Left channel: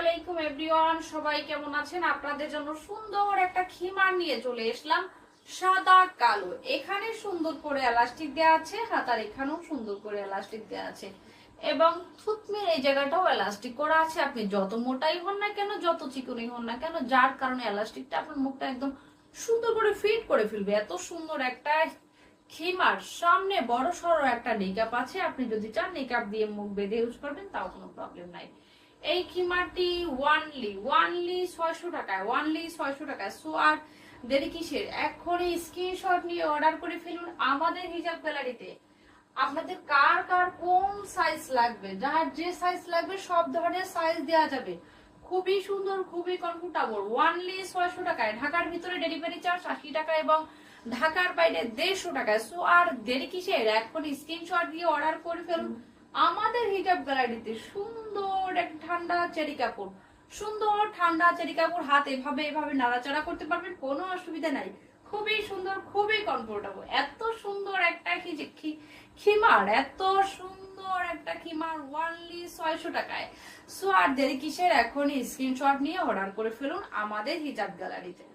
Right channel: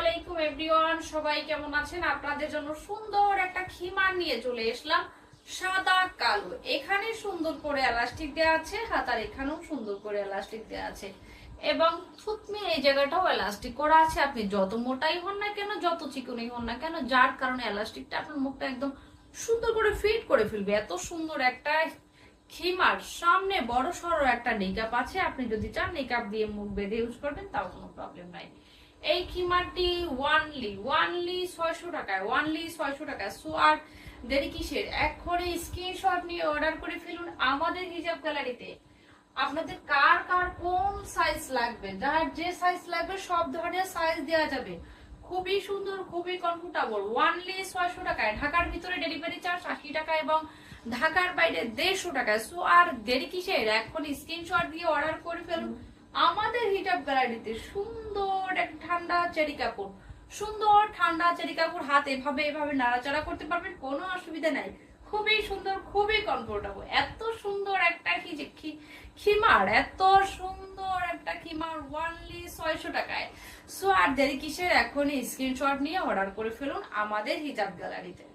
আলাইকুম এভরিওয়ান, সবাই কেমন আছেন? আপনাদের জন্য সুন্দর একটা খিমার নিয়ে চলে এসলাম, সাদা কালো। এখানে সুন্দর করে এলাস্টিক দেওয়া আছে, হাতার এখানেও সুন্দর করে এলাস্টিক দেওয়া আছে এবং থুতনির এই জায়গাটাও এলাস্টিক করা আছে। আপনি যত মোটাই হন না কেন, যত চিকনই হন না কেন, যার কারণে এলাস্টিকটা আপনার মুখটা একদম সুন্দর করে ফিট করে ফেলবে। এত সুন্দর একটা খিমার, সামনে বড় সড়ো একটা নিকাপ আছে। আপনি যদি চান নিকাপ দিয়ে মুখ বেঁধে ইউজ করবেন, তাও কোনো প্রবলেম নাই। এই খিমারটি ওয়ানলি 600 টাকায়, ওয়ানলি 600 টাকায়। সো আর দেরি কিসের, এখনই স্ক্রিনশট নিয়ে অর্ডার করে ফেলুন আমাদের হিজাব গ্যালারিতে। আপনাদের কার কার কোন সাইজ লাগবে, যার যে সাইজ লাগবে সব ধরনের সাইজ দেওয়া যাবে। খুবই সুন্দর, খুবই কমফোর্টেবল, ওয়ানলি 600 টাকায়। ঢাকার ভিতরে ডেলিভারি চার্জ 80 টাকা এবং ঢাকার বাইরে 150 টাকায়। সো আর দেরি কিসের, এখন স্ক্রিনশট দিয়ে অর্ডার করে ফেলুন আমাদের হিজাব গ্যালারিতে। সুন্দর এক ঠান্ডা চেরি কাপড়, সুন্দর ঠান্ডা চেরি কাপড়। হাত এভাবে এভাবে নাড়াচাড়া করতে পারবেন, কোনো অসুবিধা নাই। খুবই সুন্দর, খুবই কমফোর্টেবল। এত সুন্দর একটা খিমার, এত সুন্দর একটা খিমার ওয়ানলি 600 টাকায়। সো আর দেরি কিসের, এখনই স্ক্রিনশট নিয়ে অর্ডার করে ফেলুন আমাদের হিজাব গ্যালারিতে।